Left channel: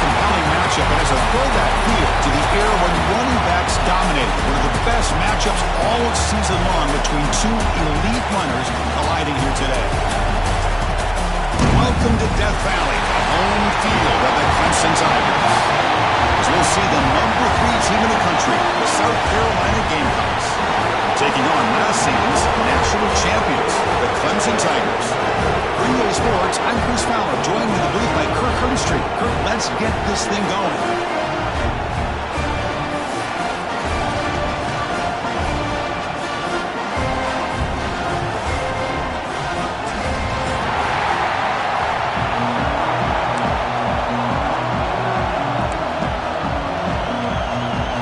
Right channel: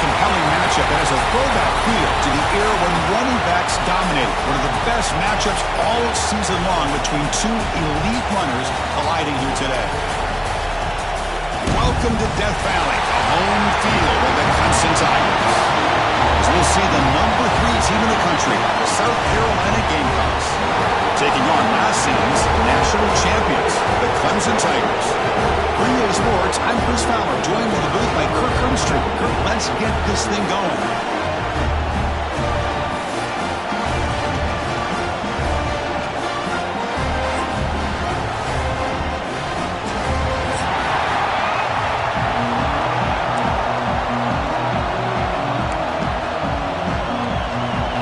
compelling matchup that has a throwback feel to the era when running backs dominated. One of the best matchups all season long between two elite runners colliding here today. Welcome to Death Valley, the home field of the Clemson Tigers. As we'll see the number 3 team in the country, the South Carolina Gamecocks, taking on last season's national champions, the Clemson Tigers. For EA Sports, I'm Chris Fowler, joined in the booth by Kirk Herbstreit. Kirk, let's get this thing going.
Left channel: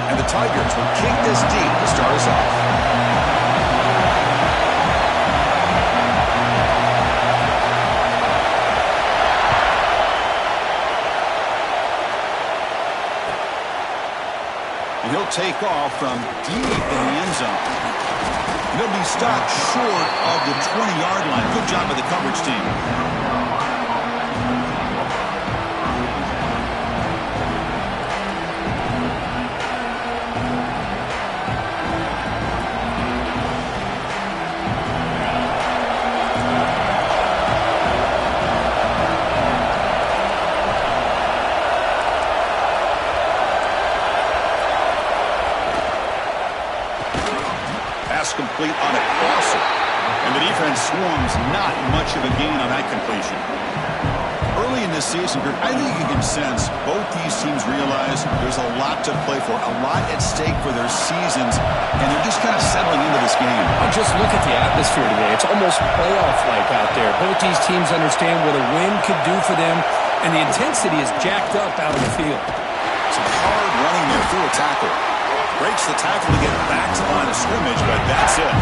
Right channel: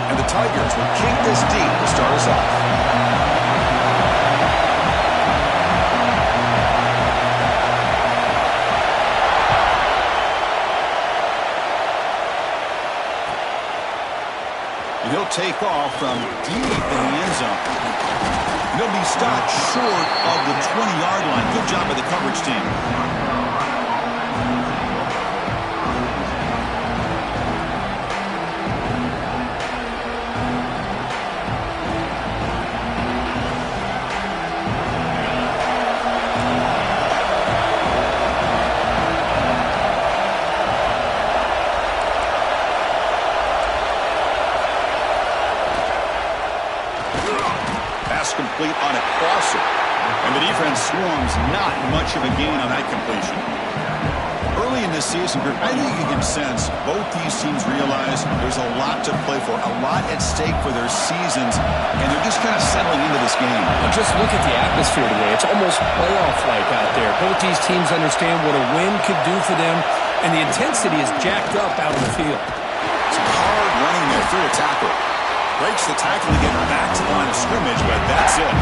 And the Tigers will kick this deep to start us off. And he'll take off from deep in the end zone. And he'll be stopped short of the 20-yard line. Good job by the coverage team. Pass complete on a crosser. And the defense swarms not much of a gain on that completion. Early in this season, I think you can sense both these teams realize there's a lot to play for, a lot at stake for their seasons, and they're just kind of settling into this game. Well, just look at the atmosphere today. It's almost playoff-like out there. Both these teams understand what a win could do for them, and the intensity is jacked up out on the field. Some hard running there through a tackle. Breaks the tackle to get back to the line of scrimmage, but that's it.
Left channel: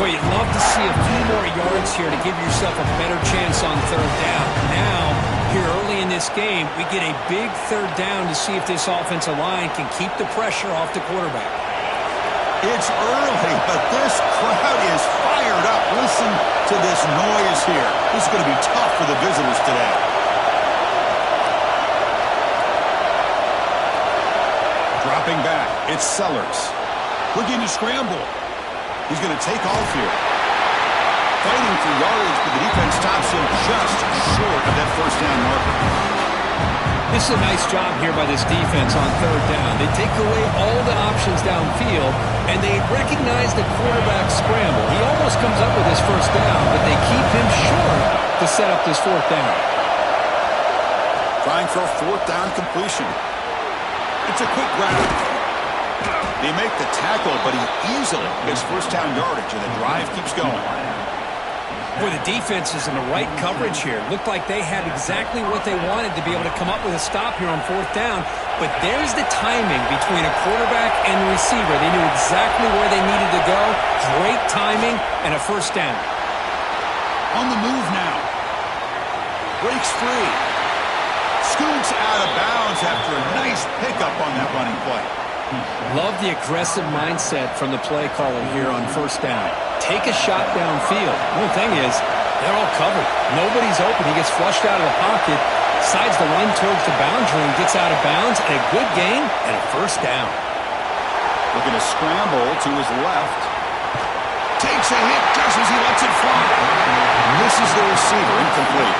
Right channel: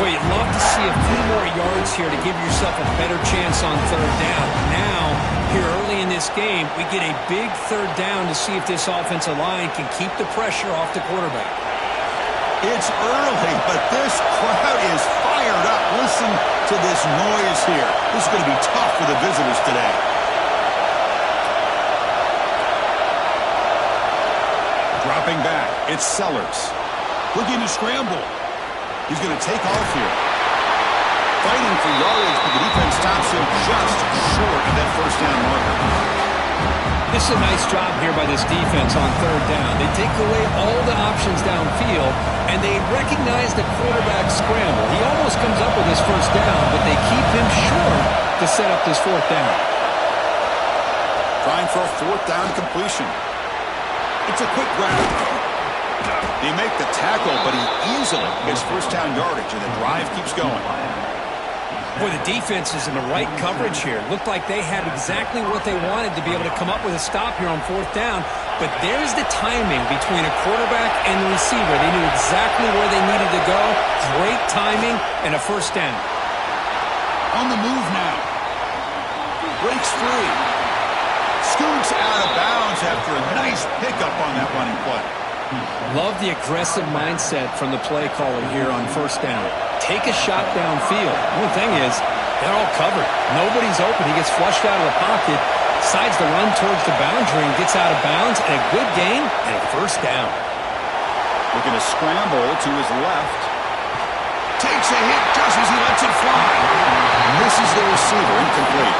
Boy, you'd love to see a few more yards here to give yourself a better chance on third down. Now, here early in this game, we get a big third down to see if this offensive line can keep the pressure off the quarterback. It's early, but this crowd is fired up. Listen to this noise here. This is going to be tough for the visitors today. Dropping back, it's Sellers. Looking to scramble. He's going to take off here. Fighting for yardage, but the defense stops him just short of that first down marker. This is a nice job here by this defense on third down. They take away all the options downfield, and they recognize the quarterback scramble. He almost comes up with his first down, but they keep him short to set up this fourth down. Trying for a fourth down completion. It's a quick grab. They make the tackle, but he easily gets first down yardage, and the drive keeps going. Boy, the defense is in the right coverage here. Looked like they had exactly what they wanted to be able to come up with a stop here on fourth down. But there's the timing between a quarterback and the receiver. They knew exactly where they needed to go. Great timing and a first down. On the move now. Breaks free. Scoots out of bounds after a nice pickup on that running play. Love the aggressive mindset from the play caller here on first down. Take a shot downfield. The only thing is, they're all covered. Nobody's open. He gets flushed out of the pocket, decides to run towards the boundary and gets out of bounds, and a good gain and a first down. Looking to scramble to his left. Takes a hit just as he lets it fly. Misses the receiver, incomplete.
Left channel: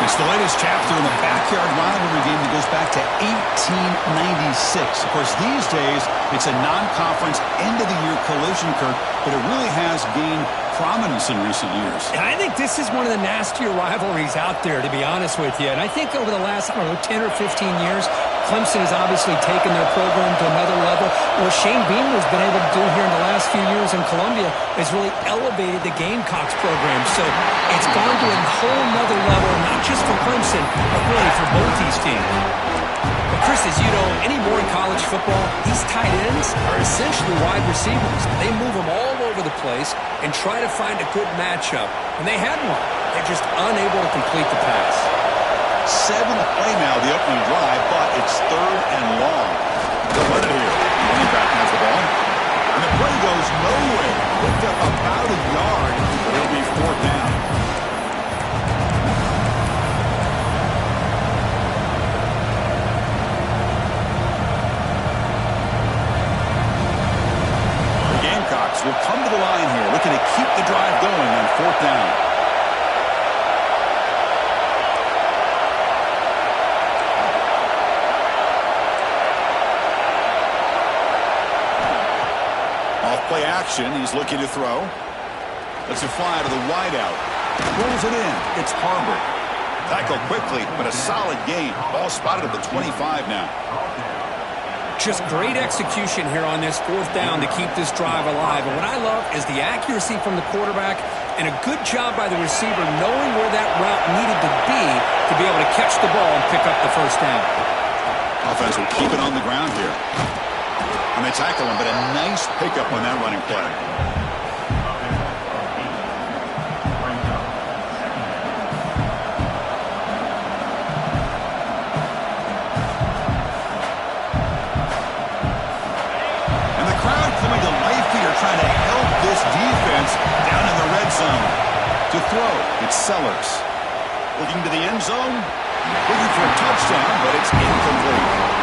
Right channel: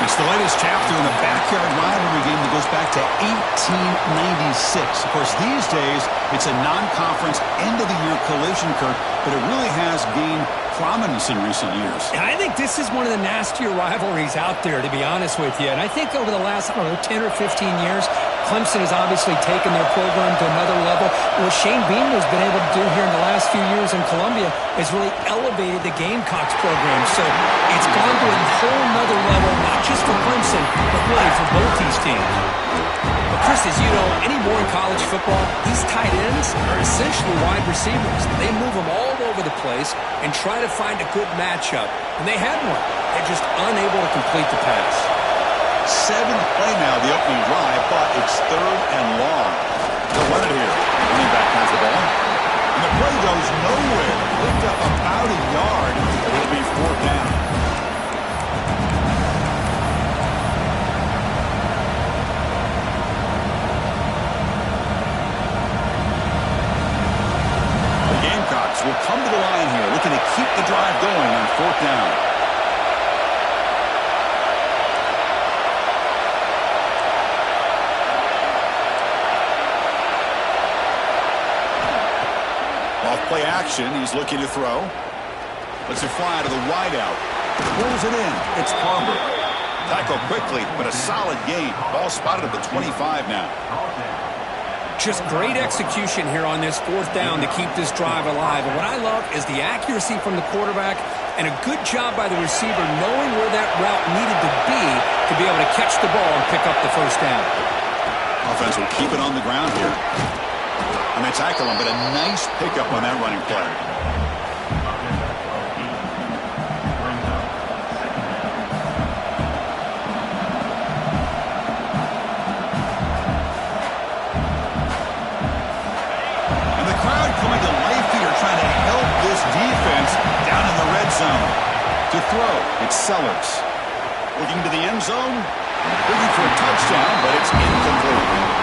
It's the latest chapter in the backyard rivalry game that goes back to 1896. Of course, these days, it's a non-conference end-of-the-year collision, Kirk, but it really has gained prominence in recent years. And I think this is one of the nastier rivalries out there, to be honest with you. And I think over the last, 10 or 15 years, Clemson has obviously taken their program to another level. What Shane Beam has been able to do here in the last few years in Columbia has really elevated the Gamecocks program. So it's gone to a whole nother level, not just for Clemson, but really for both these teams. But Chris, as you know, anymore in college football, these tight ends are essentially wide receivers. They move them all over the place and try to find a good matchup. And they had one. They're just unable to complete the pass. 7th play now, the opening drive, but it's third and long. They'll run it here. Running back has the ball. And the play goes nowhere. Picked up about a yard, but it'll be fourth down. the line here, looking to keep the drive going on 4th down. Off play action, he's looking to throw. Lets it fly to the wideout. Pulls it in. It's Palmer. Tackle quickly, but a solid gain. Ball spotted at the 25 now. Just great execution here on this 4th down to keep this drive alive. And what I love is the accuracy from the quarterback and a good job by the receiver knowing where that route needed to be able to catch the ball and pick up the 1st down. Offense will keep it on the ground here. And they tackle him, but a nice pickup on that running play. And the crowd coming to life here, trying to help this defense down in the red zone. To throw, it's Sellers. Looking to the end zone, looking for a touchdown, but it's incomplete.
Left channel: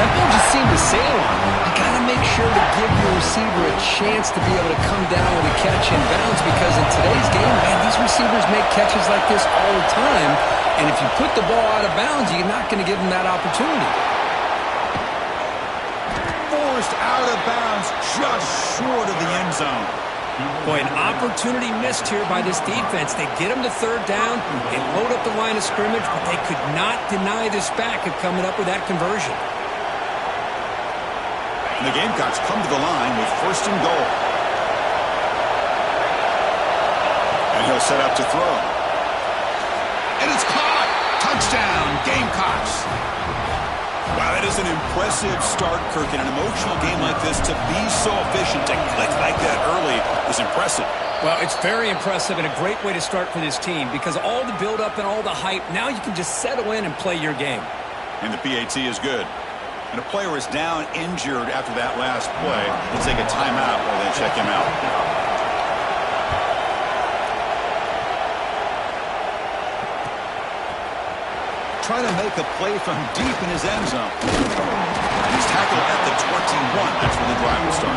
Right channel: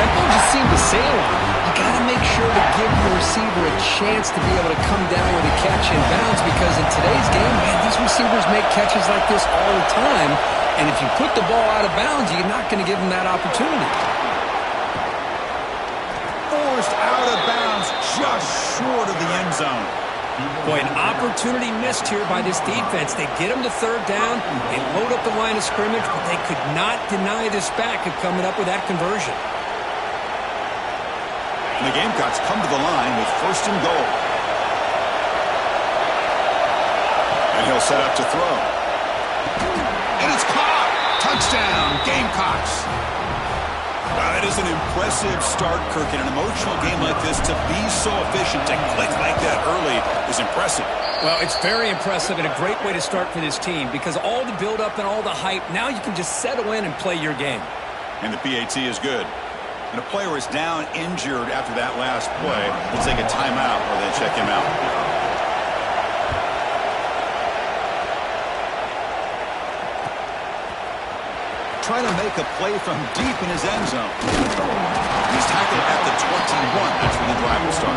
That ball just seemed to sail on. You got to make sure to give your receiver a chance to be able to come down with a catch in bounds, because in today's game, man, these receivers make catches like this all the time. And if you put the ball out of bounds, you're not going to give them that opportunity. Forced out of bounds, just short of the end zone. Boy, an opportunity missed here by this defense. They get them to 3rd down, they load up the line of scrimmage, but they could not deny this back of coming up with that conversion. And the Gamecocks come to the line with 1st and goal. And he'll set up to throw. And it's caught! Touchdown, Gamecocks! Wow, that is an impressive start, Kirk. In an emotional game like this, to be so efficient, to click like that early is impressive. Well, it's very impressive and a great way to start for this team, because all the build-up and all the hype, now you can just settle in and play your game. And the PAT is good. And a player is down injured after that last play. We'll take a timeout while they check him out. Trying to make a play from deep in his end zone. And he's tackled at the 21. That's where the drive will start.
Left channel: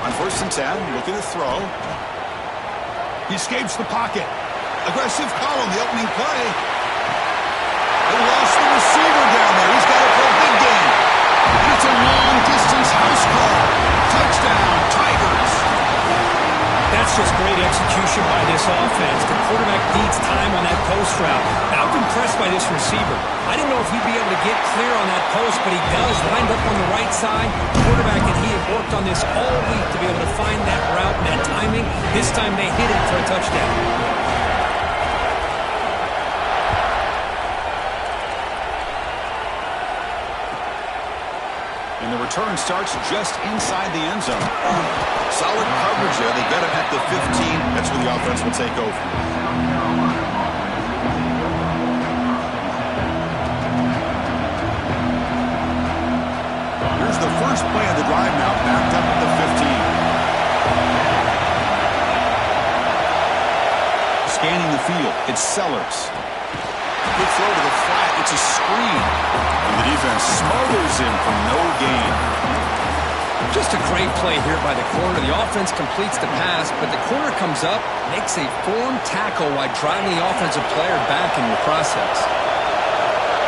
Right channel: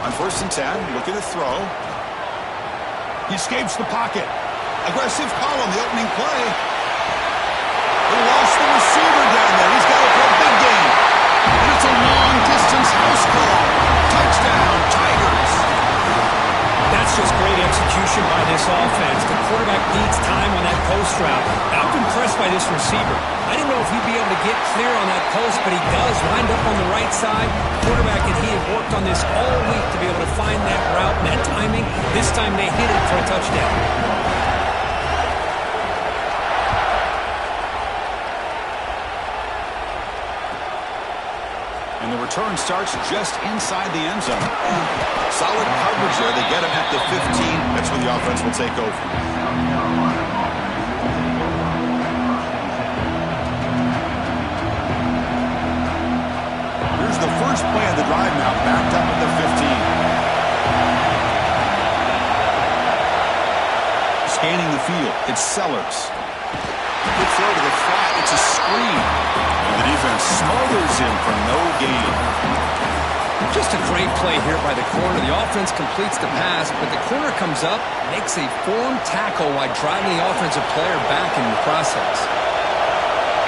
On 1st and 10, looking to throw. He escapes the pocket. Aggressive call on the opening play. They lost the receiver down there. He's got it for a big game. And it's a long-distance house call. Touchdown, Tigers. That's just great execution by this offense. The quarterback needs time on that post route. And I'm impressed by this receiver. I didn't know if he'd be able to get clear on that post, but he does. Lined up on the right side. The quarterback and he have worked on this all week to be able to find that route and that timing. This time they hit it for a touchdown. And the return starts just inside the end zone. Solid coverage there. They get him at the 15. That's where the offense will take over. Here's the first play of the drive now, backed up at the 15. Scanning the field, it's Sellers. Good throw to the flat. It's a screen. And the defense smothers him for no gain. Just a great play here by the corner. The offense completes the pass, but the corner comes up, makes a form tackle while driving the offensive player back in the process.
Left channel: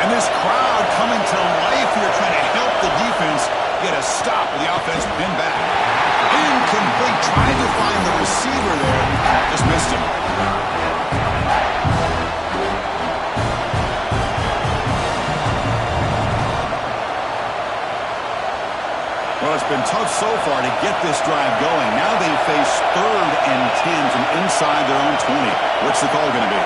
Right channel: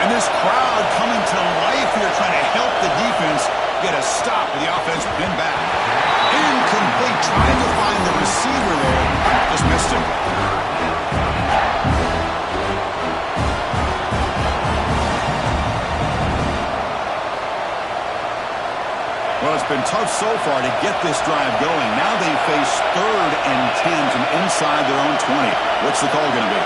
And this crowd coming to life here, trying to help the defense get a stop with the offense pinned back. Incomplete, trying to find the receiver there. Just missed him. Well, it's been tough so far to get this drive going. Now they face 3rd and 10 from inside their own 20. What's the call going to be?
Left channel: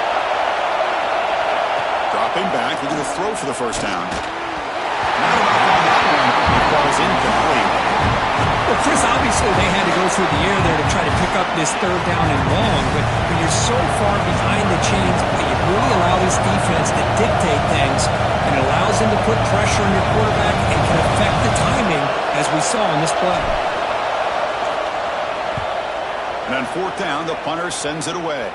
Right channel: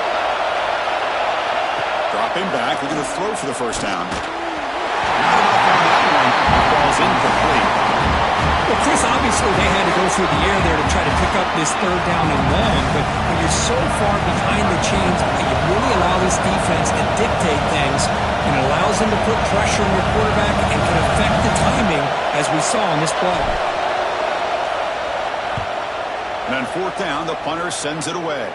Dropping back, looking to throw for the 1st down. Not enough on that one. It falls incomplete. Well, Chris, obviously they had to go through the air there to try to pick up this 3rd down and long, but when you're so far behind the chains, you really allow this defense to dictate things, and it allows them to put pressure on your quarterback and can affect the timing, as we saw on this play. And on fourth down, the punter sends it away.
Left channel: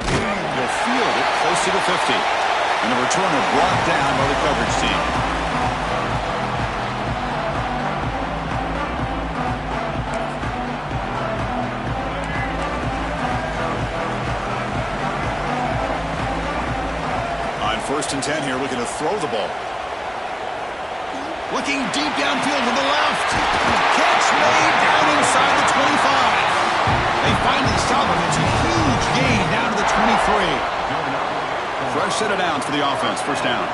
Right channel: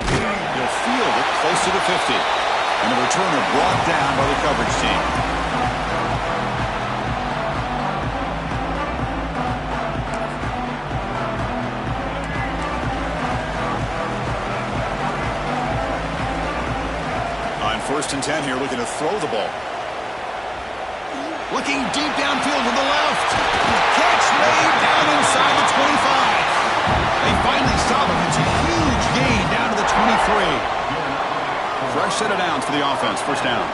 He'll field it close to the 50. And the returner brought down by the coverage team. On 1st and 10 here, looking to throw the ball. Looking deep downfield to the left. Catch made down inside the 25. They finally stop him. It's a huge gain down to the 23. Fresh set of downs for the offense. First down.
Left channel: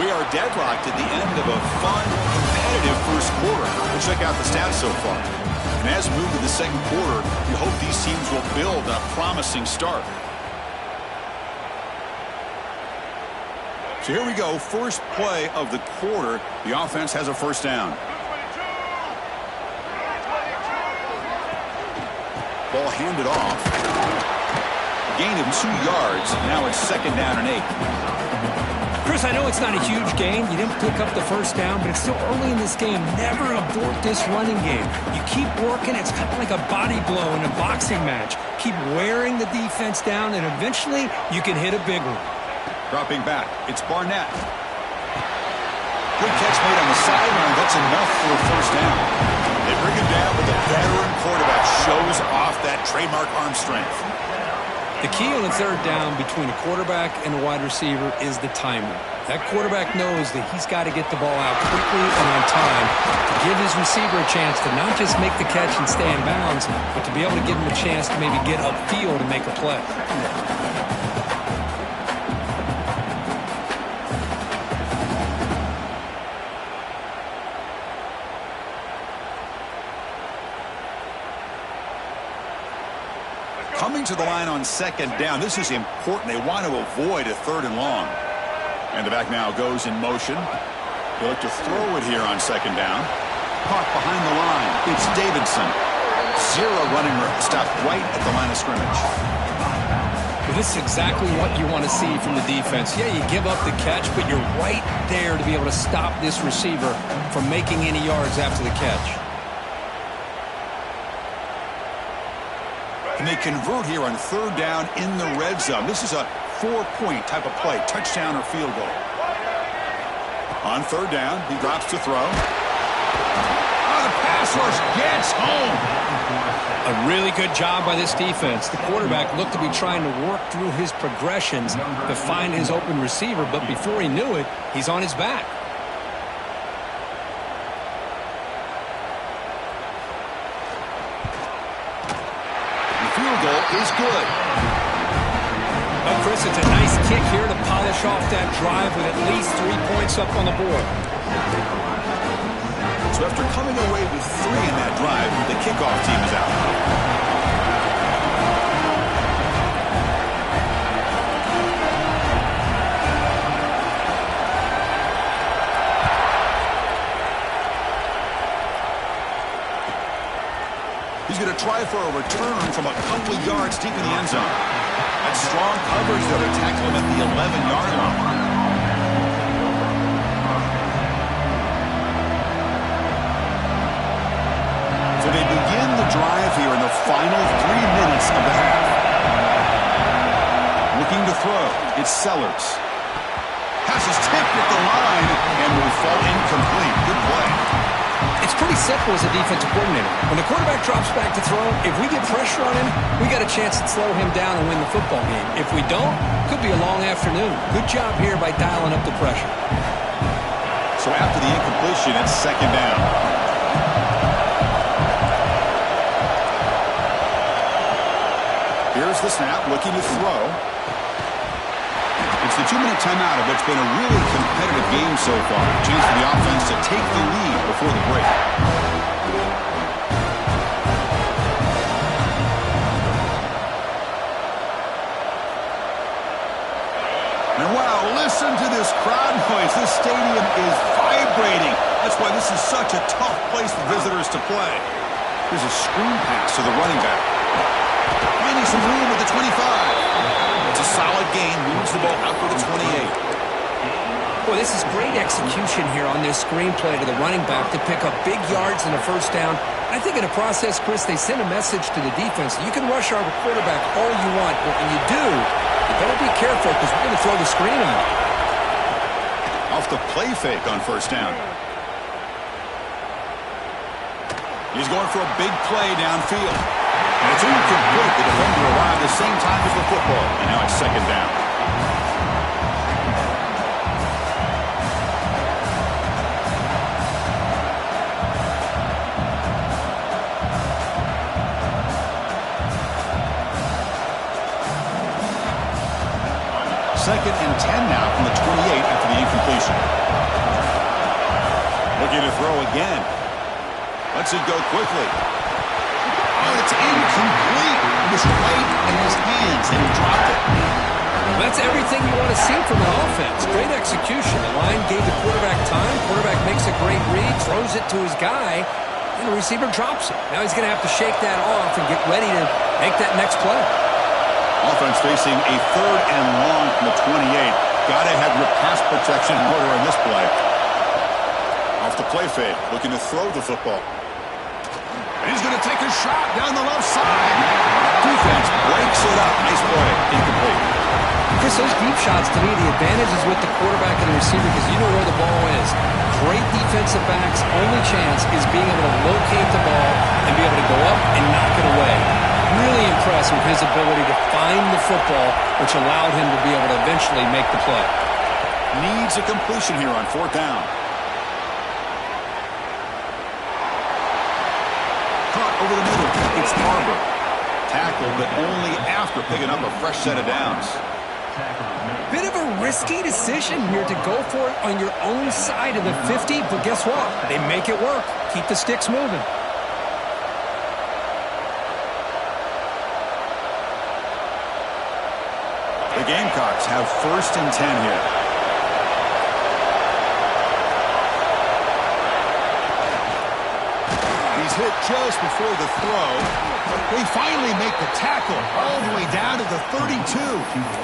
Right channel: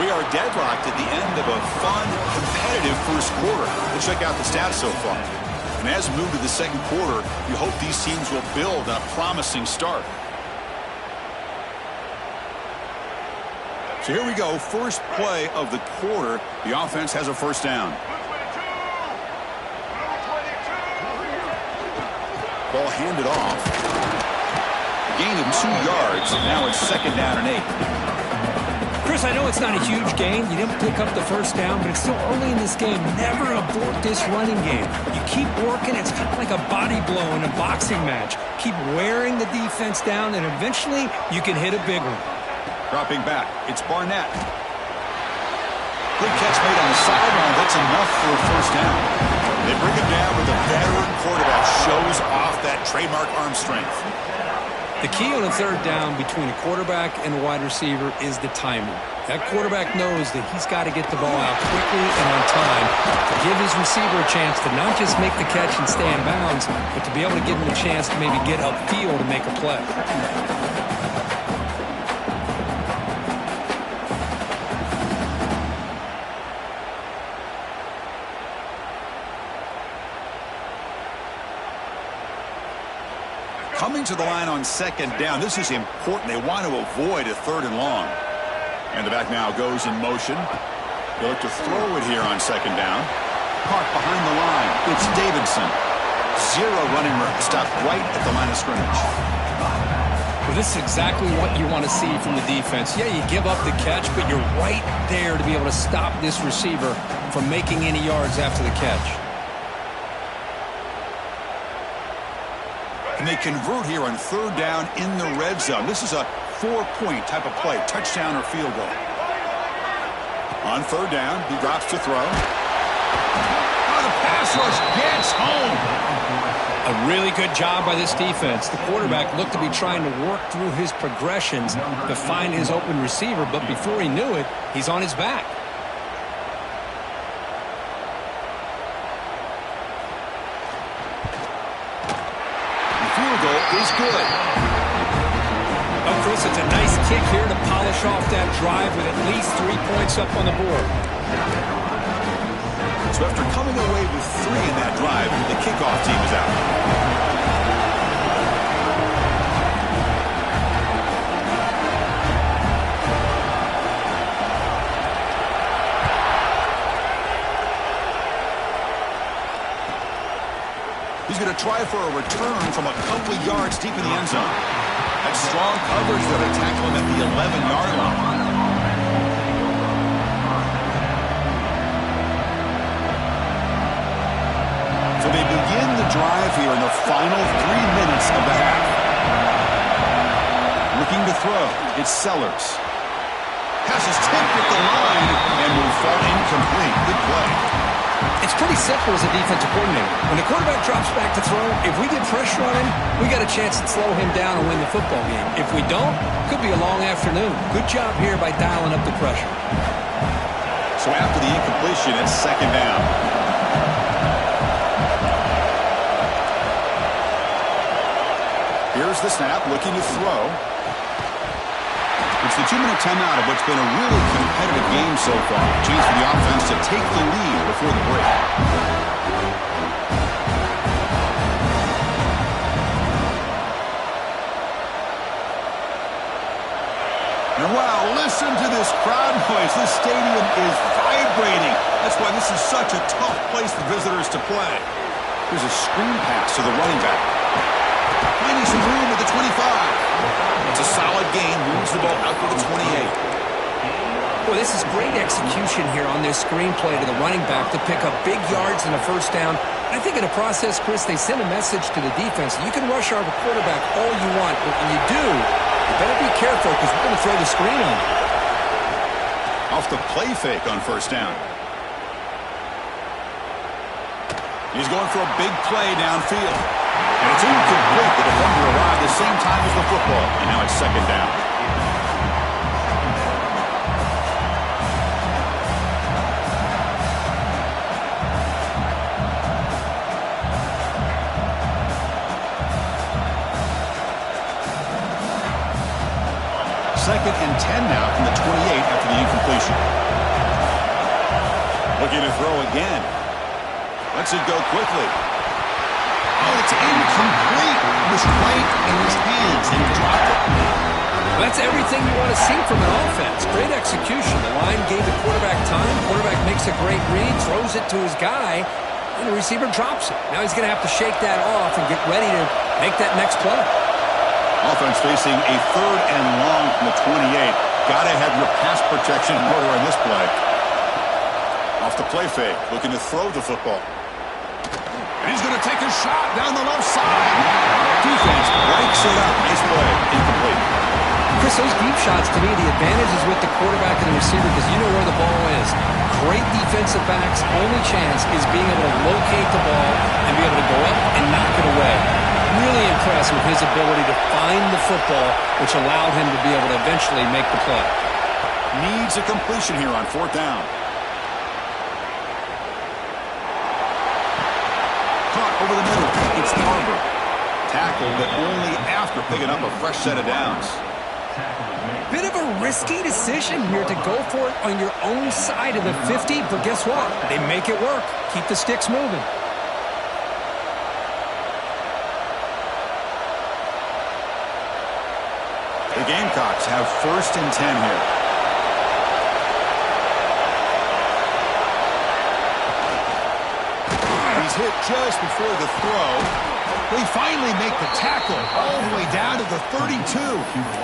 We are deadlocked at the end of a fun, competitive first quarter. We'll check out the stats so far. And as we move to the second quarter, you hope these teams will build on a promising start. So here we go. First play of the quarter. The offense has a first down. Ball handed off. Gain of 2 yards. Now it's 2nd down and 8. Chris, I know it's not a huge gain. You didn't pick up the first down, but it's still early in this game. Never abort this running game. You keep working. It's kind of like a body blow in a boxing match. Keep wearing the defense down, and eventually you can hit a big one. Dropping back. It's Barnett. Good catch made on the sideline. That's enough for a first down. They bring him down, but the veteran quarterback shows off that trademark arm strength. The key on a third down between a quarterback and a wide receiver is the timing. That quarterback knows that he's got to get the ball out quickly and on time to give his receiver a chance to not just make the catch and stay in bounds, but to be able to give him a chance to maybe get upfield and make a play. Coming to the line on 2nd down. This is important. They want to avoid a 3rd and long. And the back now goes in motion. He'll look to throw it here on 2nd down. Caught behind the line. It's Davidson. 0 running room. Stopped right at the line of scrimmage. Well, this is exactly what you want to see from the defense. Yeah, you give up the catch, but you're right there to be able to stop this receiver from making any yards after the catch. And they convert here on 3rd down in the red zone. This is a 4-point type of play, touchdown or field goal. On 3rd down, he drops to throw. Oh, the pass rush gets home. A really good job by this defense. The quarterback looked to be trying to work through his progressions to find his open receiver, but before he knew it, he's on his back. Field goal is good. Oh, Chris, it's a nice kick here to polish off that drive with at least 3 points up on the board. So after coming away with 3 in that drive, the kickoff team is out. He's going to try for a return from a couple of yards deep in the end zone. That's strong coverage there to tackle him at the 11-yard line. So they begin the drive here in the final 3 minutes of the half. Looking to throw. It's Sellers. Pass is tipped at the line and will fall incomplete. Good play. It's pretty simple as a defensive coordinator. When the quarterback drops back to throw, if we get pressure on him, we got a chance to slow him down and win the football game. If we don't, could be a long afternoon. Good job here by dialing up the pressure. So after the incompletion, it's 2nd down. Here's the snap, looking to throw. It's the 2-minute timeout of what's been a really competitive game so far. Chance for the offense to take the lead before the break. And wow, listen to this crowd noise. This stadium is vibrating. That's why this is such a tough place for visitors to play. Here's a screen pass to the running back. Finding some room at the 25. It's a solid gain. Moves the ball out to the 28. Well, this is great execution here on this screenplay to the running back to pick up big yards and a first down. I think in the process, Chris, they send a message to the defense. You can rush our quarterback all you want, but when you do, you better be careful because we're going to throw the screen on you. Off the play fake on first down. He's going for a big play downfield. And it's incomplete. The defender arrived the same time as the football. And now it's second down. Second and 10 now from the 28 after the incompletion. Looking to throw again. Lets it go quickly. Oh, it's incomplete. It was right in his hands, and he dropped it. That's everything you want to see from an offense. Great execution. The line gave the quarterback time. Quarterback makes a great read, throws it to his guy, and the receiver drops it. Now he's going to have to shake that off and get ready to make that next play. Offense facing a third and long from the 28. Got to have your pass protection in order on this play. Off the play fake, looking to throw the football. And he's going to take a shot down the left side. Defense breaks it up. Nice play. Incomplete. Chris, those deep shots, to me, the advantage is with the quarterback and the receiver because you know where the ball is. Great defensive backs' only chance is being able to locate the ball and be able to go up and knock it away. Really impressed with his ability to find the football, which allowed him to be able to eventually make the play. Needs a completion here on fourth down. Caught over the middle. It's Barber. Tackled, but only after picking up a fresh set of downs. Bit of a risky decision here to go for it on your own side of the 50, but guess what? They make it work. Keep the sticks moving. The Gamecocks have first and 10 here. He's hit just before the throw. They finally make the tackle all the way down to the 32.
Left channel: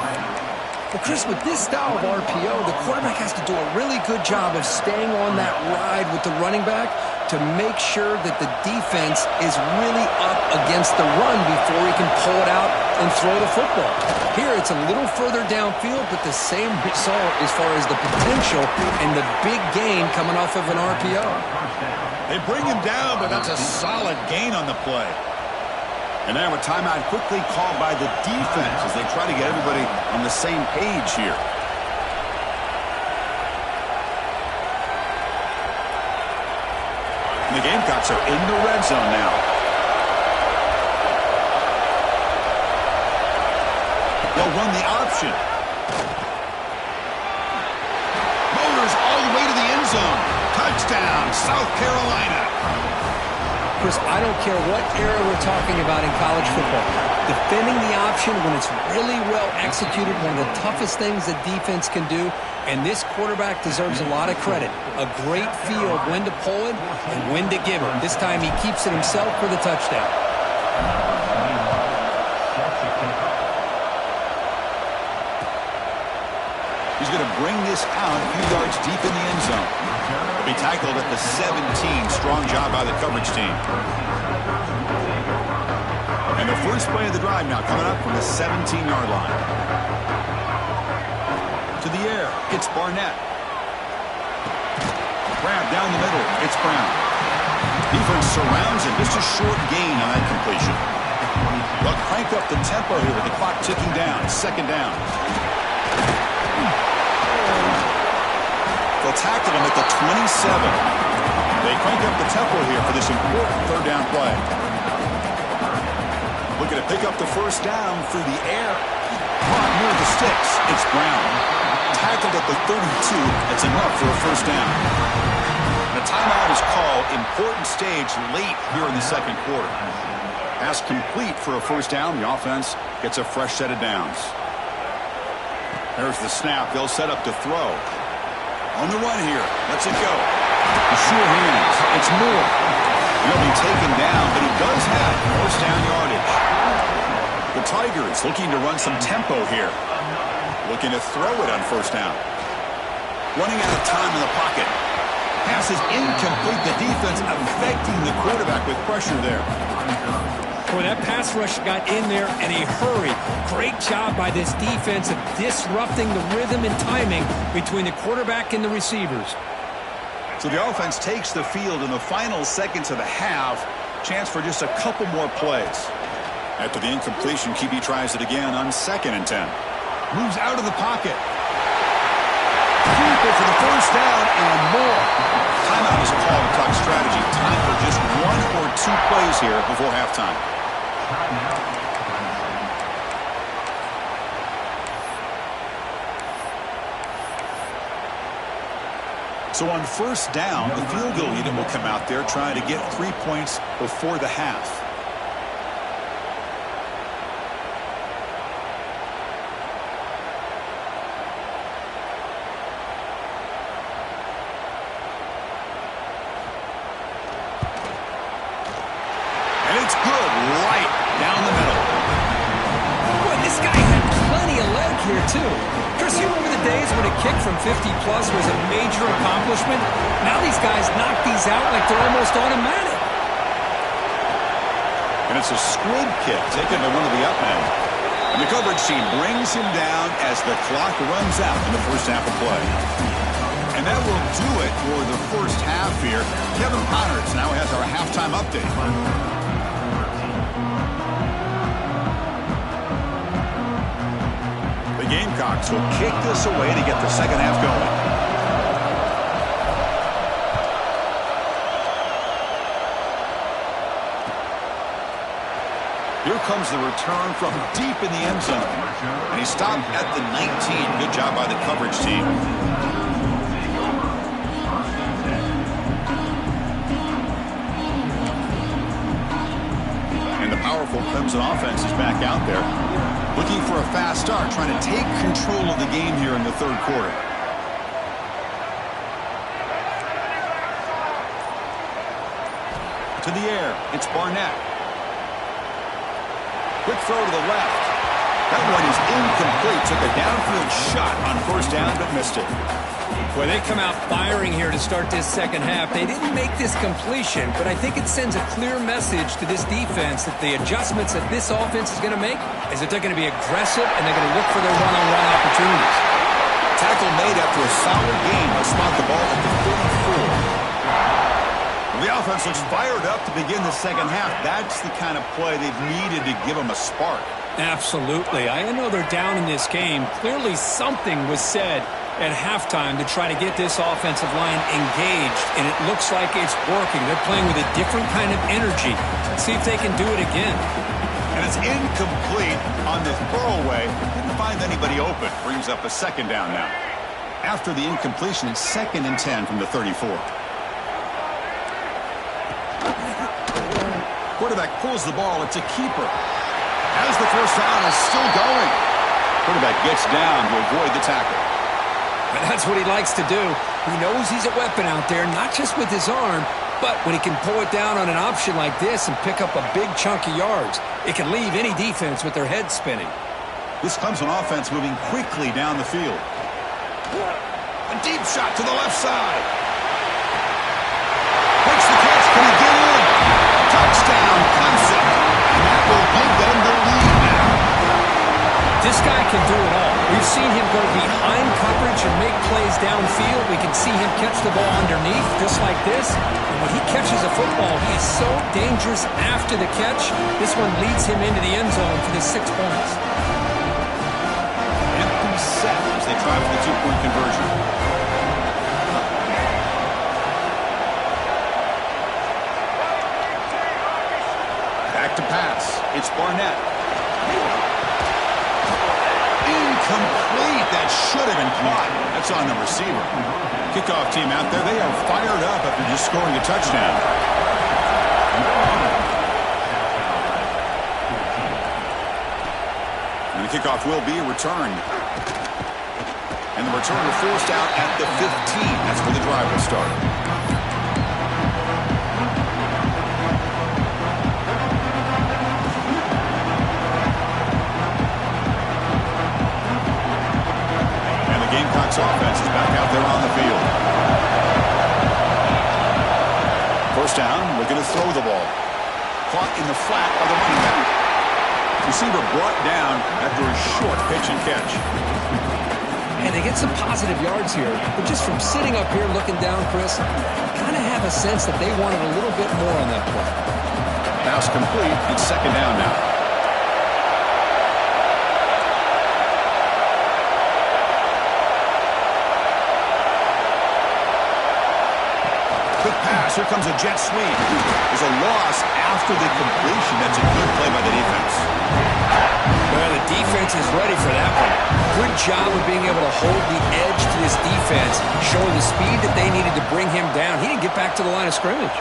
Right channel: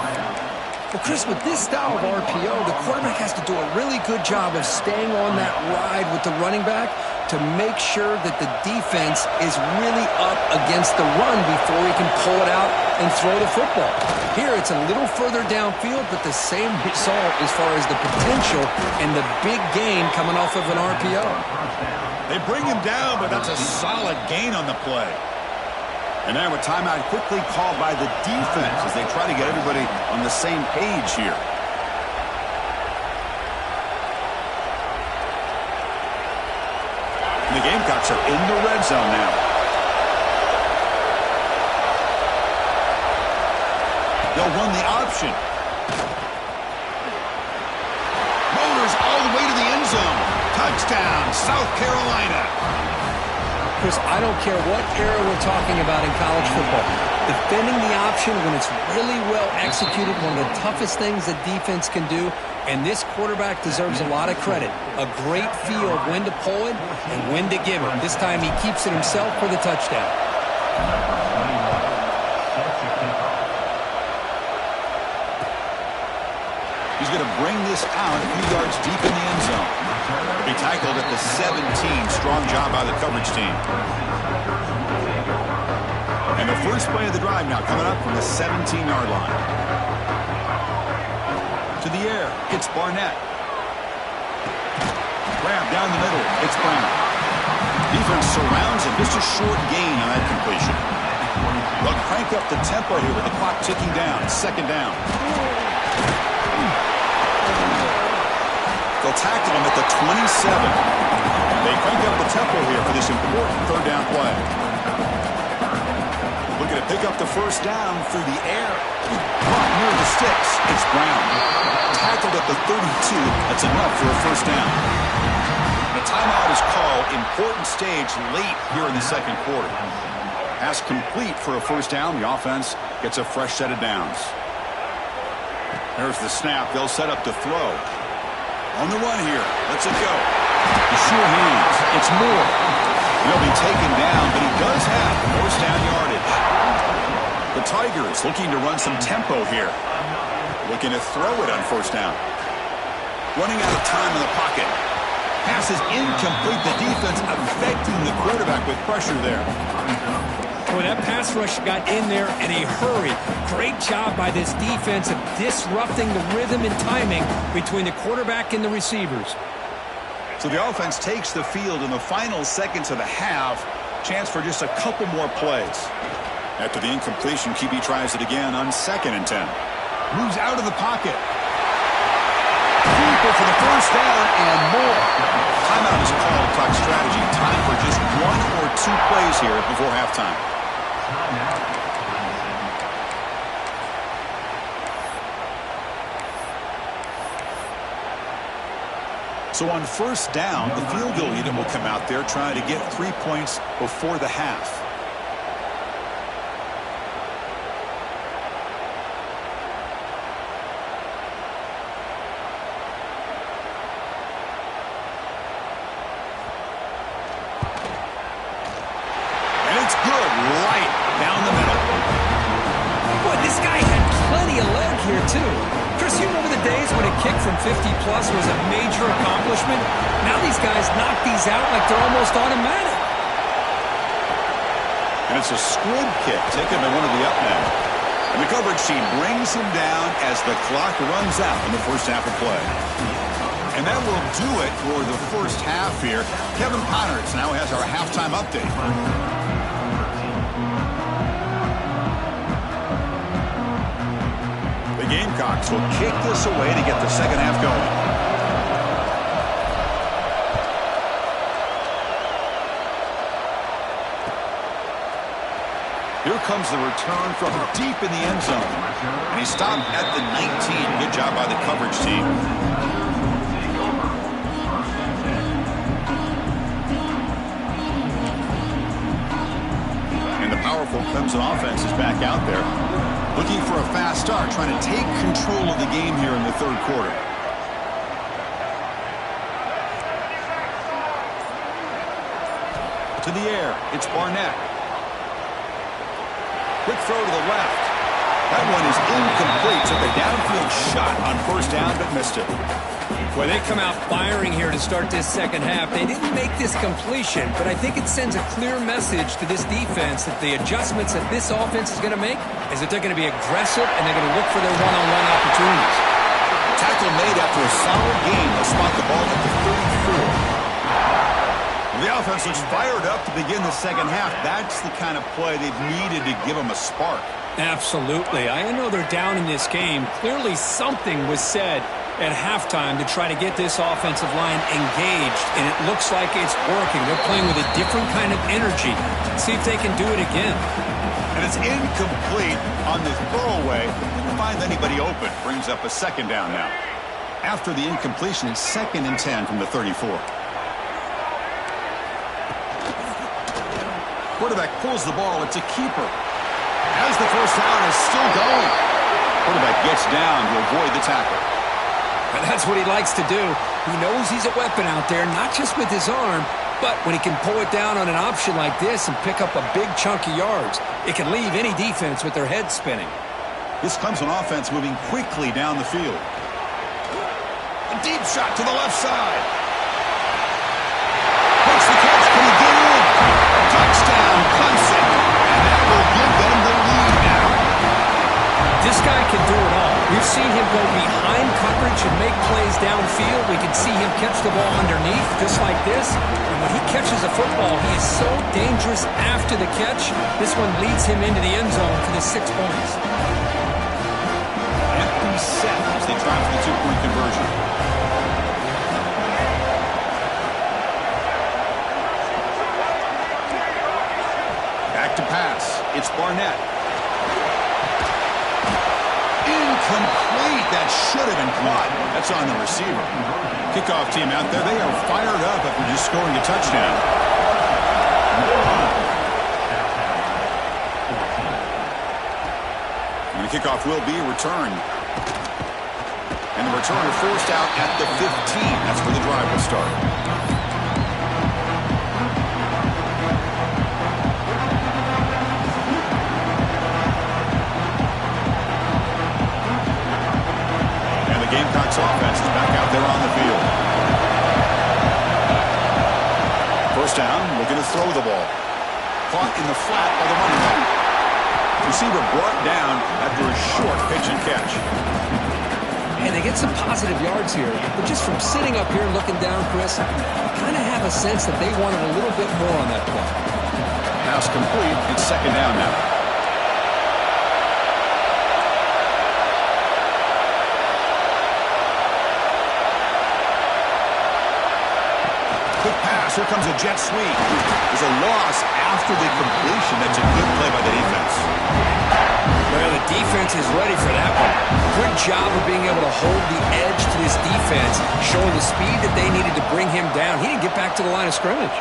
Well, Chris, with this style of RPO, the quarterback has to do a really good job of staying on that ride with the running back to make sure that the defense is really up against the run before he can pull it out and throw the football. Here, it's a little further downfield, but the same result as far as the potential and the big gain coming off of an RPO. They bring him down, but that's a solid gain on the play. And now a timeout quickly called by the defense as they try to get everybody on the same page here. And the Gamecocks are in the red zone now. They'll run the option. Motors all the way to the end zone. Touchdown, South Carolina. Chris, I don't care what era we're talking about in college football. Defending the option when it's really well executed, one of the toughest things that defense can do, and this quarterback deserves a lot of credit. A great feel of when to pull it and when to give it. This time he keeps it himself for the touchdown. He's going to bring this out a few yards deep in the end zone. He'll be tackled at the 17. Strong job by the coverage team. And the first play of the drive now coming up from the 17-yard line. To the air, it's Barnett. Grab down the middle, it's Brown. Defense surrounds him, just a short gain on that completion. They'll crank up the tempo here with the clock ticking down. Second down. They'll tackle him at the 27. They crank up the tempo here for this important third down play. Looking to pick up the first down through the air. Caught near the sticks. It's Brown. Tackled at the 32. That's enough for a first down. The timeout is called. Important stage late here in the second quarter. Pass complete for a first down. The offense gets a fresh set of downs. There's the snap. They'll set up to throw. On the run here. Lets it go. The sure hands. It's Moore. He'll be taken down, but he does have first down yardage. The Tigers looking to run some tempo here. Looking to throw it on first down. Running out of time in the pocket. Pass is incomplete. The defense affecting the quarterback with pressure there. Boy, that pass rush got in there in a hurry. Great job by this defense of disrupting the rhythm and timing between the quarterback and the receivers. So the offense takes the field in the final seconds of the half. Chance for just a couple more plays. After the incompletion, QB tries it again on 2nd and 10. Moves out of the pocket. Deeper for the first down and more. Timeout is called to talk strategy. Time for just 1 or 2 plays here before halftime. So on first down, the field goal unit will come out there trying to get 3 points before the half. And it's good right down the middle. Boy, this guy had plenty of leg here, too. Chris, you remember the days when a kick from 50-plus was a major accomplishment? Now these guys knock these out like they're almost automatic. And it's a squib kick taken by one of the up men. And the coverage team brings him down as the clock runs out in the first half of play. And that will do it for the first half here. Kevin Connors now has our halftime update. The Gamecocks will kick this away to get the second half going. Here comes the return from deep in the end zone. And he stopped at the 19. Good job by the coverage team. And the powerful Clemson offense is back out there. Looking for a fast start, trying to take control of the game here in the third quarter. To the air, it's Barnett. Quick throw to the left. That one is incomplete. Took a downfield shot on first down, but missed it. Boy, they come out firing here to start this second half. They didn't make this completion, but I think it sends a clear message to this defense that the adjustments that this offense is going to make is that they're going to be aggressive and they're going to look for their one-on-one opportunities. Tackle made after a solid game. They'll spot the ball at the 34. The offense looks fired up to begin the second half. That's the kind of play they've needed to give them a spark. Absolutely. I know they're down in this game. Clearly something was said at halftime to try to get this offensive line engaged, and it looks like it's working. They're playing with a different kind of energy. See if they can do it again. And it's incomplete on the throwaway. Didn't find anybody open. Brings up a second down now. After the incompletion, it's 2nd and 10 from the 34. Quarterback pulls the ball. It's a keeper. As the first down is still going. Quarterback gets down to avoid the tackle. And that's what he likes to do. He knows he's a weapon out there, not just with his arm, but when he can pull it down on an option like this and pick up a big chunk of yards, it can leave any defense with their head spinning. This Clemson offense moving quickly down the field. A deep shot to the left side. Makes the catch. Can he get in? Touchdown, Clemson. And that will give them the lead now. This guy can do it all. We've seen him go behind coverage and make plays downfield. We can see him catch the ball underneath, just like this. And when he catches a football, he is so dangerous after the catch. This one leads him into the end zone for the 6 points. Empty set as they try for the 2-point conversion. Back to pass. It's Barnett. Incomplete. That should have been caught. That's on the receiver. Kickoff team out there. They are fired up after just scoring a touchdown. And the kickoff will be returned. And the returner forced out at the 15. That's where the drive will start. Gamecocks offense is back out there on the field. First down, looking to throw the ball. Caught in the flat by the running back. Receiver brought down after a short pitch and catch. And they get some positive yards here. But just from sitting up here looking down, Chris, I kind of have a sense that they wanted a little bit more on that play. Pass complete. It's second down now. Quick pass. Here comes a jet sweep. There's a loss after the completion. That's a good play by the defense. Well, the defense is ready for that one. Good job of being able to hold the edge to this defense, showing the speed that they needed to bring him down. He didn't get back to the line of scrimmage.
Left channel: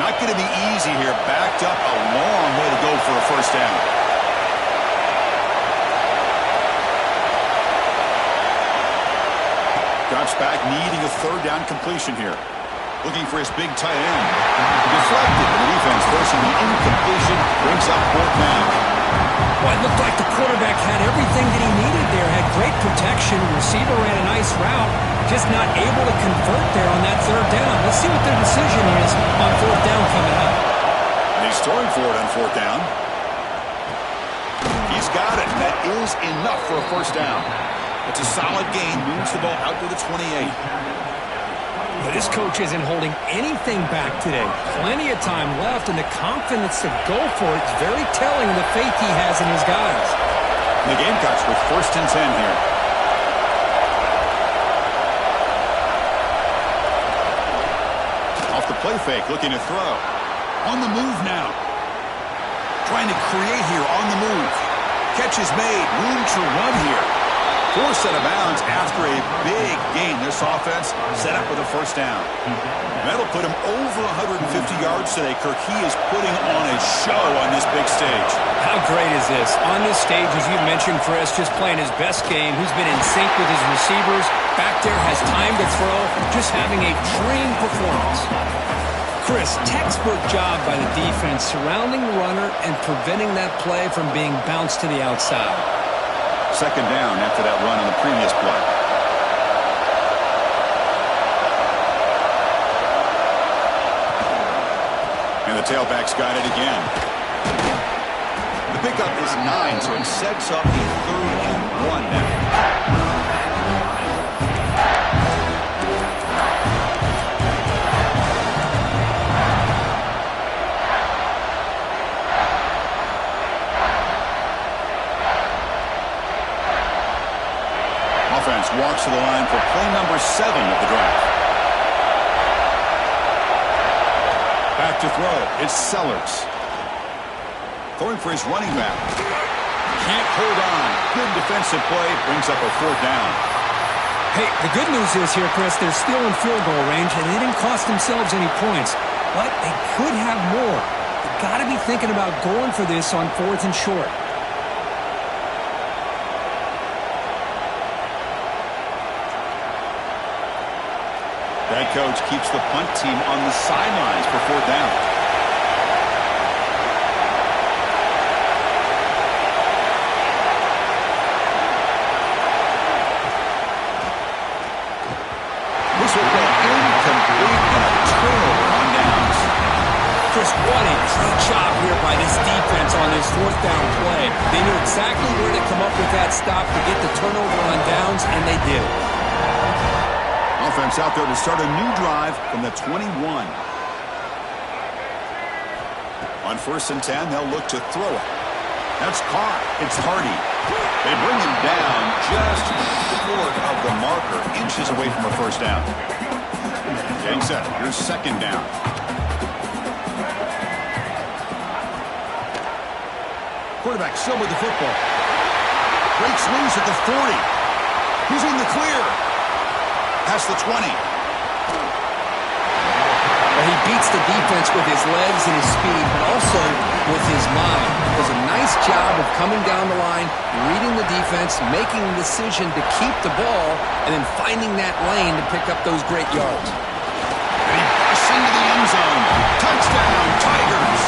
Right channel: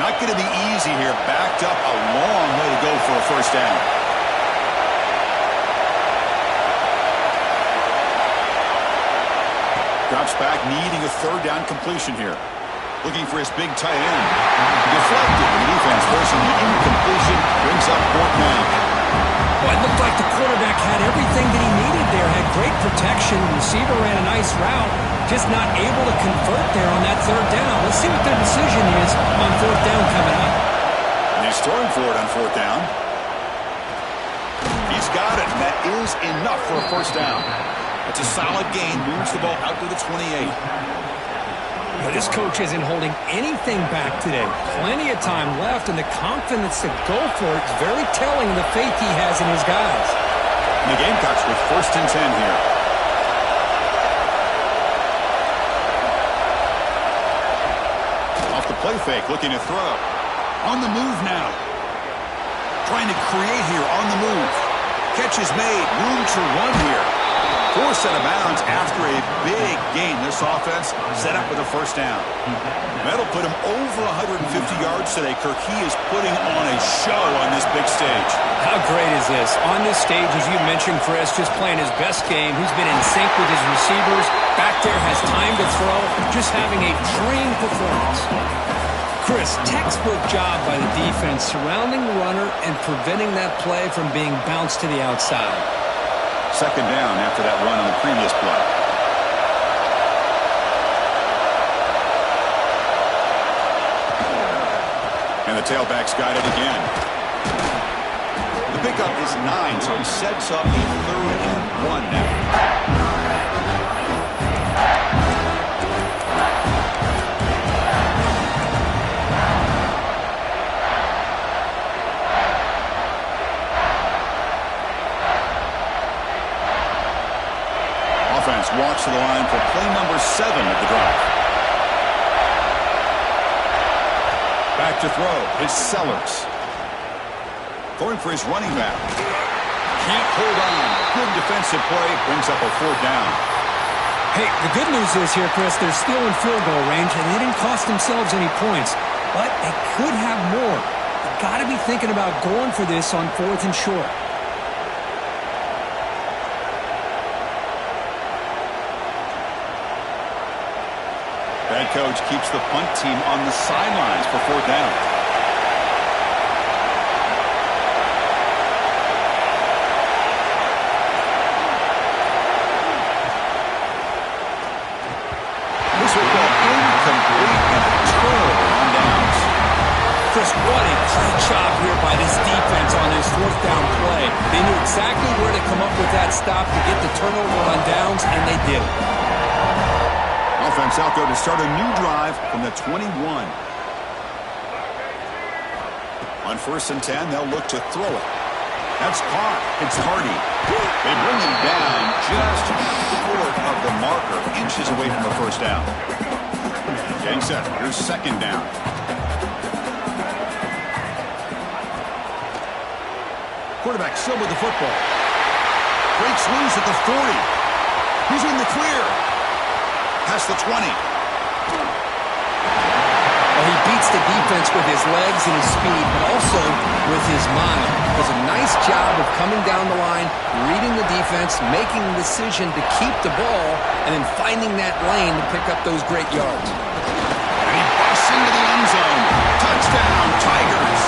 Not going to be easy here. Backed up a long way to go for a first down. Drops back, needing a third down completion here. Looking for his big tight end. Deflected, and the defense forcing the incompletion. Brings up fourth down. Well, it looked like the quarterback had everything that he needed there. Had great protection. Receiver ran a nice route. Just not able to convert there on that third down. Let's see what their decision is on fourth down coming up. And he's throwing for it on fourth down. He's got it. That is enough for a first down. It's a solid gain. Moves the ball out to the 28. But this coach isn't holding anything back today. Plenty of time left, and the confidence to go for it is very telling of the faith he has in his guys. And the Gamecocks with first and 10 here. Off the play fake, looking to throw. On the move now. Trying to create here on the move. Catch is made. Room to run here. Forced out of bounds after a big gain. This offense set up with a first down. That'll put him over 150 yards today, Kirk. He is putting on a show on this big stage. How great is this? On this stage, as you mentioned, Chris, just playing his best game. He's been in sync with his receivers. Back there, has time to throw. Just having a dream performance. Chris, textbook job by the defense surrounding the runner and preventing that play from being bounced to the outside. Second down after that run on the previous play. And the tailback's got it again. The pickup is 9, so it sets up a 3rd and 1 now. Offense walks to the line for play number 7 of the drive. Back to throw. It's Sellers. Throwing for his running back. Can't hold on. Good defensive play. Brings up a 4th down. Hey, the good news is here, Chris, they're still in field goal range, and they didn't cost themselves any points. But they could have more. They've got to be thinking about going for this on 4th and short. Head coach keeps the punt team on the sidelines for 4th down. This will go incomplete and a turnover on downs. Chris, what a great job here by this defense on this 4th down play. They knew exactly where to come up with that stop to get the turnover on downs, and they did it. Offense out there to start a new drive from the 21. On 1st and 10, they'll look to throw it. That's caught. It's Hardy. They bring him down just short of the marker, inches away from a first down. Getting set. Here's 2nd down. Quarterback still with the football. Breaks loose at the 40. He's in the clear. Past the 20. Well, he beats the defense with his legs and his speed, but also with his mind. Does a nice job of coming down the line, reading the defense, making the decision to keep the ball, and then finding that lane to pick up those great yards. And he busts into the end zone. Touchdown, Tigers.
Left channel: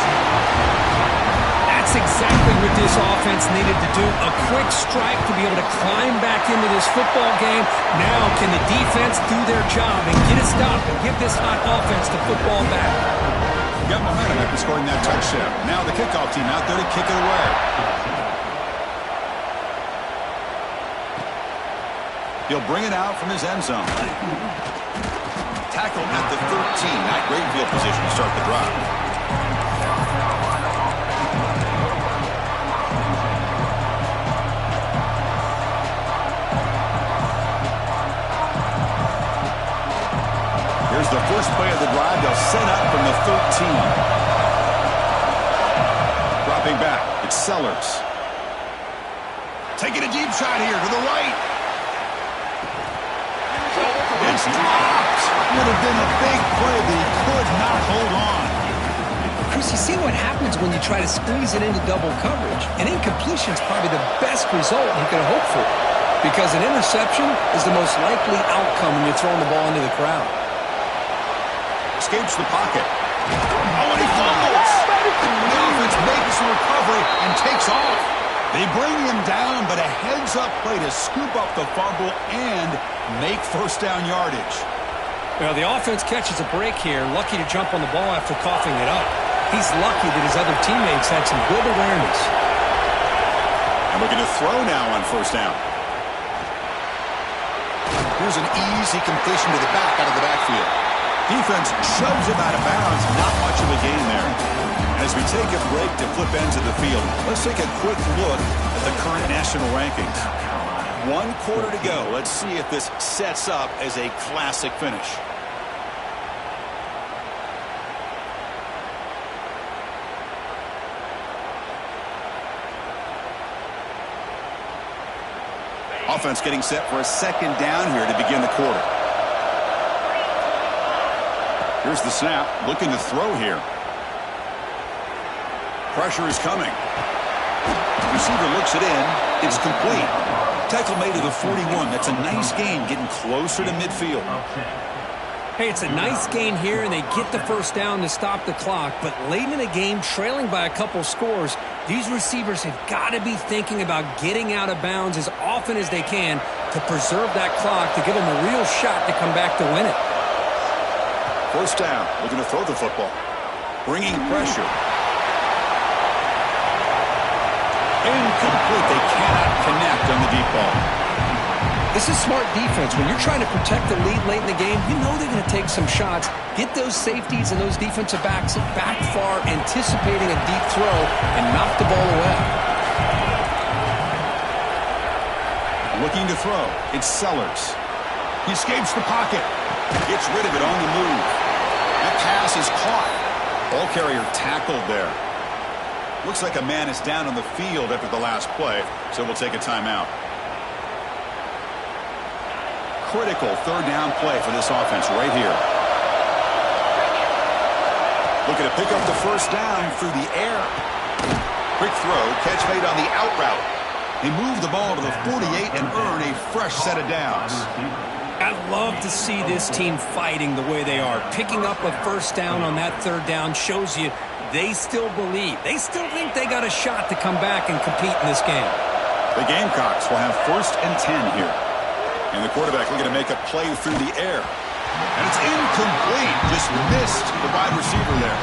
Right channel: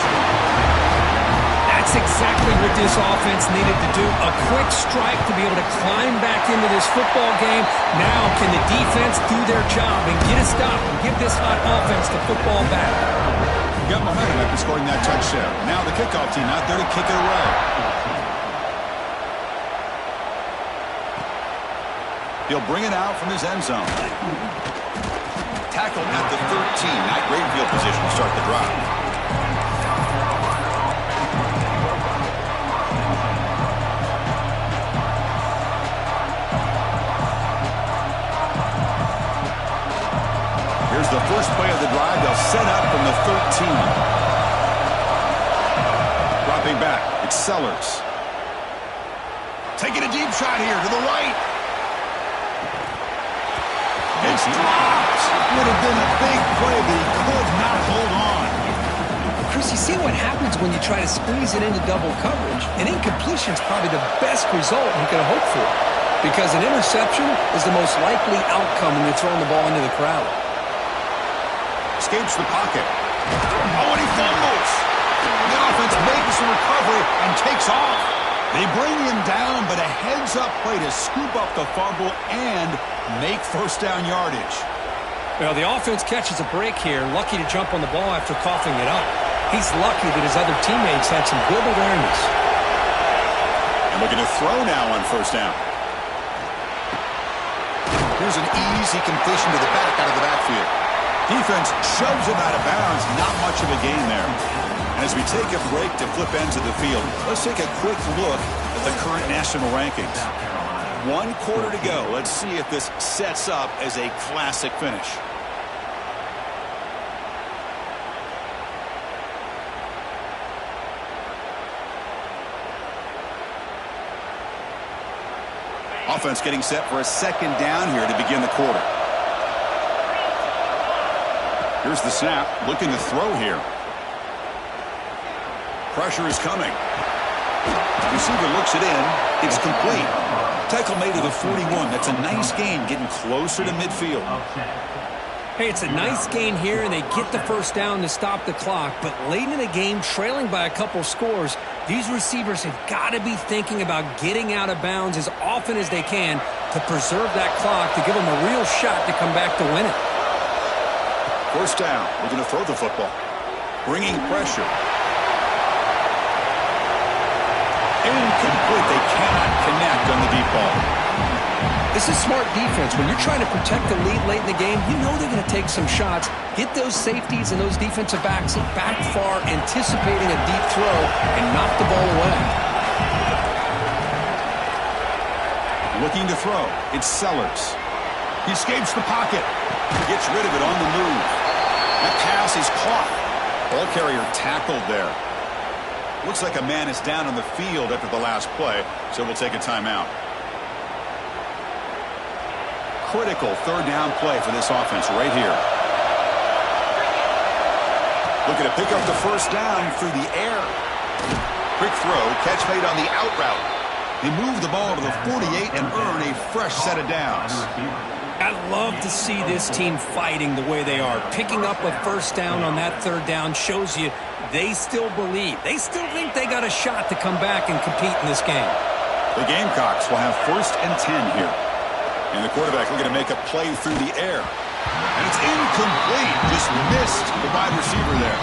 That That's exactly what this offense needed to do. A quick strike to be able to climb back into this football game. Now can the defense do their job and get a stop and give this hot offense the football back? Got momentum after scoring that touchdown. Now the kickoff team out there to kick it away. He'll bring it out from his end zone. Tackled at the 13. Not great field position to start the drive. Here's the first play of the drive. They'll set up from the 13. Dropping back. It's Sellers. Taking a deep shot here to the right. It's dropped. Would have been a big play, but he could not hold on. Chris, you see what happens when you try to squeeze it into double coverage. An incompletion is probably the best result you could have hoped for, because an interception is the most likely outcome when you're throwing the ball into the crowd. Escapes the pocket. Oh, and he fumbles. The offense makes the recovery and takes off. They bring him down, but a heads-up play to scoop up the fumble and make first down yardage. Well, the offense catches a break here. Lucky to jump on the ball after coughing it up. He's lucky that his other teammates had some good awareness. And we're going to throw now on first down. Here's an easy completion to the back out of the backfield. Defense shoves him out of bounds. Not much of a gain there. And as we take a break to flip ends of the field, let's take a quick look at the current national rankings. 1 quarter to go. Let's see if this sets up as a classic finish. Offense getting set for a second down here to begin the quarter. Here's the snap, looking to throw here. Pressure is coming. Receiver looks it in. It's complete. Tackle made to the 41. That's a nice gain, getting closer to midfield. Hey, it's a nice gain here, and they get the first down to stop the clock. But late in the game, trailing by a couple scores, these receivers have got to be thinking about getting out of bounds as often as they can to preserve that clock, to give them a real shot to come back to win it. First down, looking to throw the football. Bringing pressure. Incomplete. They cannot connect on the deep ball. This is smart defense. When you're trying to protect the lead late in the game, you know they're going to take some shots, get those safeties and those defensive backs back far, anticipating a deep throw, and knock the ball away. Looking to throw. It's Sellers. He escapes the pocket. Gets rid of it on the move. That pass is caught. Ball carrier tackled there. Looks like a man is down on the field after the last play, so we'll take a timeout. Critical third down play for this offense right here. Looking to pick up the first down through the air. Quick throw, catch made on the out route. They move the ball to the 48 and earn a fresh set of downs. I love to see this team fighting the way they are. Picking up a first down on that third down shows you they still believe. They still think they got a shot to come back and compete in this game. The Gamecocks will have 1st and 10 here. And the quarterback looking to make a play through the air. And it's incomplete. Just missed the wide receiver there.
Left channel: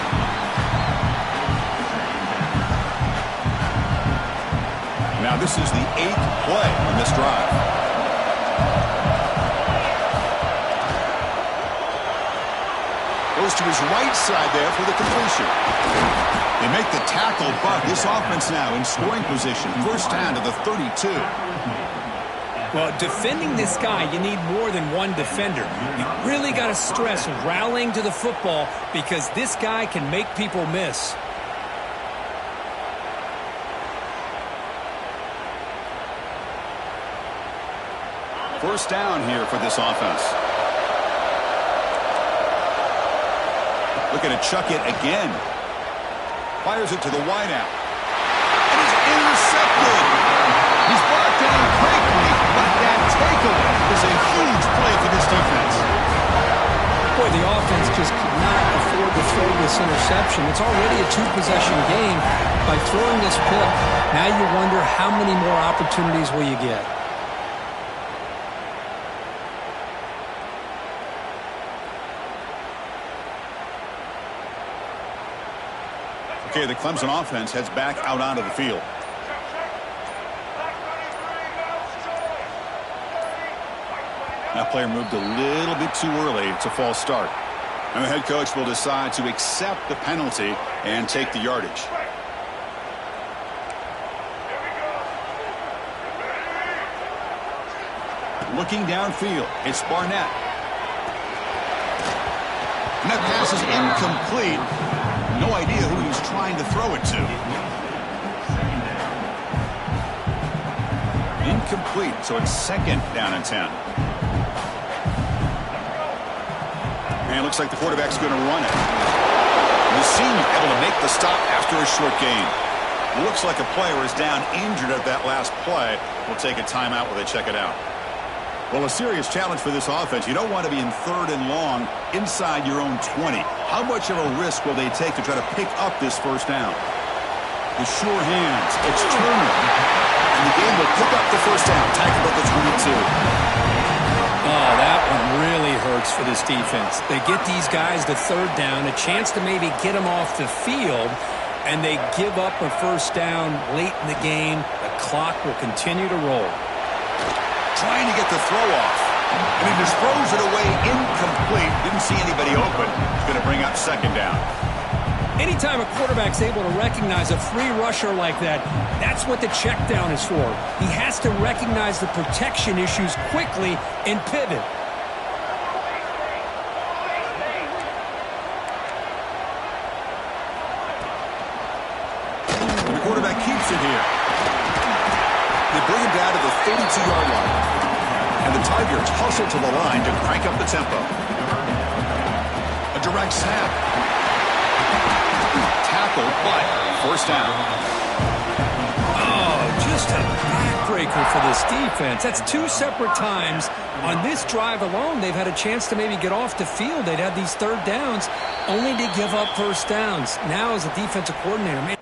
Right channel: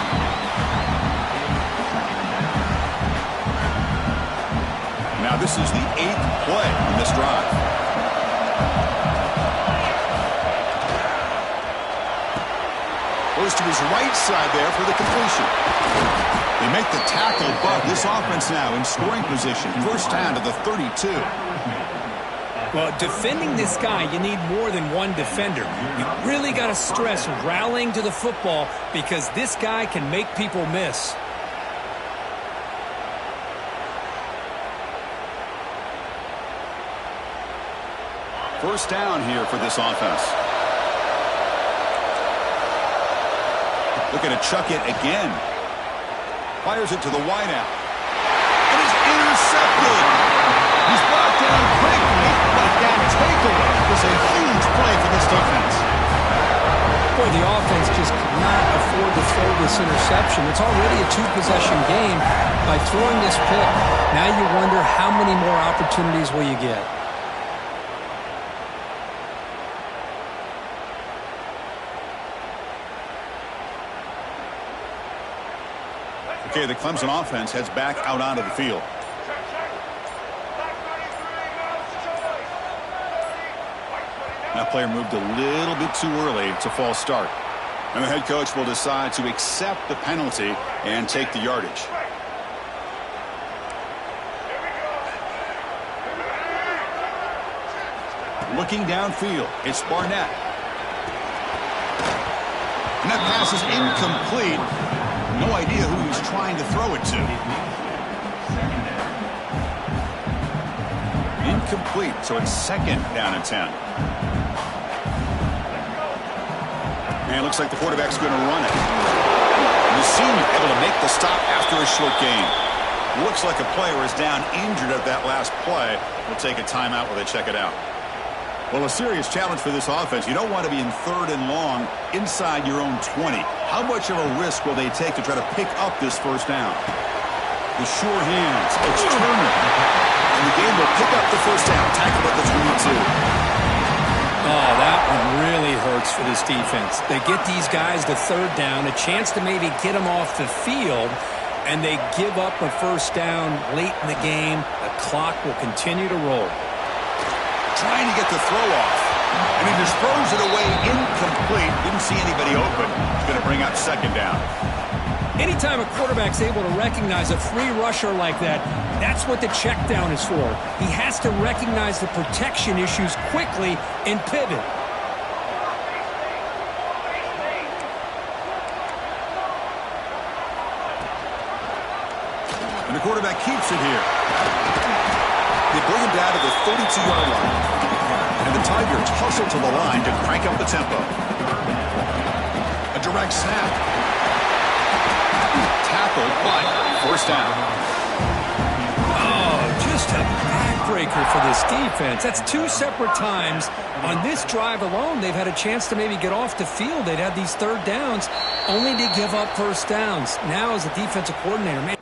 Now this is the 8th play on this drive. Goes to his right side there for the completion. They make the tackle, but this offense now in scoring position. First down to the 32. Well, defending this guy, you need more than one defender. You really got to stress rallying to the football because this guy can make people miss. First down here for this offense. Looking to chuck it again. Fires it to the wideout. It is intercepted. He's brought down quickly, but that takeaway is a huge play for this defense. Boy, the offense just could not afford to throw this interception. It's already a two-possession game. By throwing this pick, now you wonder how many more opportunities will you get. Okay, the Clemson offense heads back out onto the field. That player moved a little bit too early. It's a false start. And the head coach will decide to accept the penalty and take the yardage. Looking downfield, it's Barnett. And that pass is incomplete. No idea who he was trying to throw it to. Incomplete, so it's 2nd down and 10. And it looks like the quarterback's going to run it. The senior able to make the stop after a short gain. Looks like a player is down injured at that last play. We'll take a timeout while they check it out. Well, a serious challenge for this offense. You don't want to be in 3rd and long inside your own 20. How much of a risk will they take to try to pick up this first down? The sure hands. It's Turner. And the game will pick up the first down. Tackled at the 22. Oh, that one really hurts for this defense. They get these guys to 3rd down, a chance to maybe get them off the field, and they give up a first down late in the game. The clock will continue to roll. Trying to get the throw off. And he just throws it away incomplete. Didn't see anybody open. He's going to bring up 2nd down. Anytime a quarterback's able to recognize a free rusher like that, that's what the check down is for. He has to recognize the protection issues quickly and pivot. And the quarterback keeps it here. They bring him down to the 32-yard line. And the Tigers hustle to the line to crank up the tempo. A direct snap. Tackled, but first down. Oh, just a backbreaker for this defense. That's 2 separate times. On this drive alone, they've had a chance to maybe get off the field. They'd had these 3rd downs only to give up first downs. Now, as a defensive coordinator, man.